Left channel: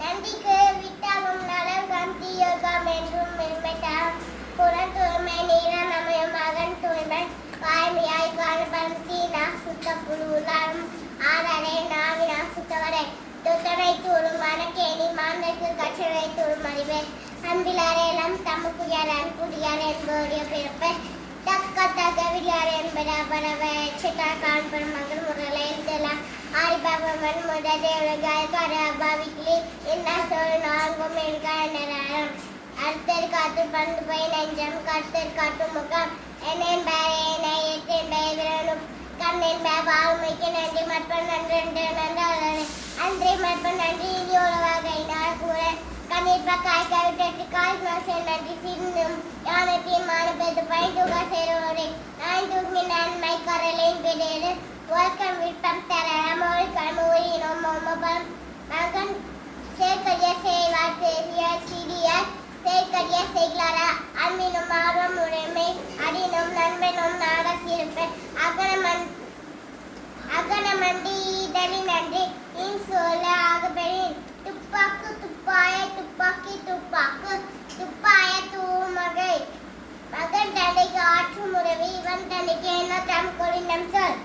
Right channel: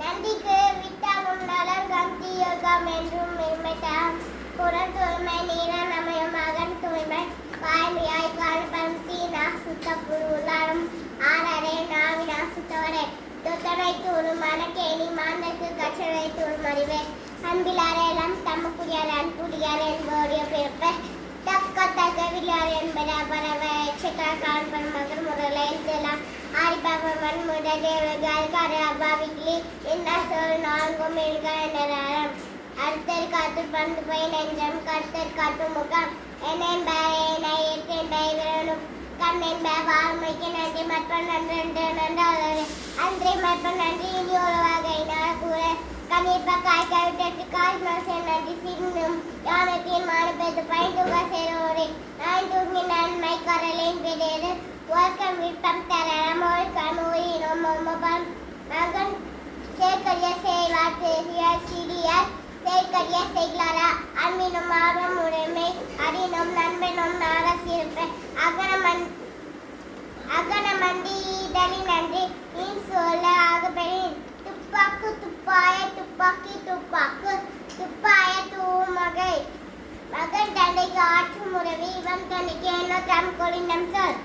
நன்றிக்கு விட்டாலும் நலகம் தீயோகம் என்றும் மென்மைத்தாம் புறன் தூய்மை நீரன் அமையும் மகன் தூய்மை காய்மையாய் காணிப்பம் தீனா சுத்த புழுலாம் ஆடரே நாவினா சுத்தவரே துத்தனை தூளும் வனக்கேணி மாந்தற்கு கற்றனை தூளும் அறிவே அன்பிலாரேலம் தமக்குயர் அன்புடியார் என்போரிய பிறப்பை தக்க தகவியார் என்பன பரவ எச்சத்தால் காண்பன மகள் முரலை எழுதலாம் ஆரிபாகவன் முதல் அபாவிக்கலி என்ன சொல் நான்கும் எழுகாரம் அடுத்தர் காத்து பண்டு போய் நெஞ்சம் கருத்தர் காட்டு முகம் என்னென் பேரனை எத்தென் விரலும் கண்ணென் பாவமைக்கு நன்றி மற்பன் நன்றி நன்றாளர் அன்றே மற்பன் நன்றி இனி உறவாக நான் கூற கண்ணீர் காய் கவிட்டு கால் மாசம் நன்றி சிந்தும் ஞானத்தின் மானப்பெது பயந்துக சேரோரை நான் தூங்கி நன்மை கரலின் பிறேடு ஒர்க்கம் விற்பம் தரம் கமூரினும் மகன் சேர்க்கரிய செய்வார் பெரிய சிறியார் சேர்க்கரிய செய்களாரா அன்பினும் ஆர்வம் உடைமை அறினும் நண்பனும் நாட சிறப்பு அகனமண்டி இதழின் நன்றி இன் சொல்ல ஆகப்பெறின் துப்பாக்கு துப்பாய துப்பாக்கி துப்பாக்கு துப்பாய தூமகை மகன் தந்தைக்கு ஆற்றும் உறவி இவன் தந்தைக்கு என்ன தம் கொடினம் சொல்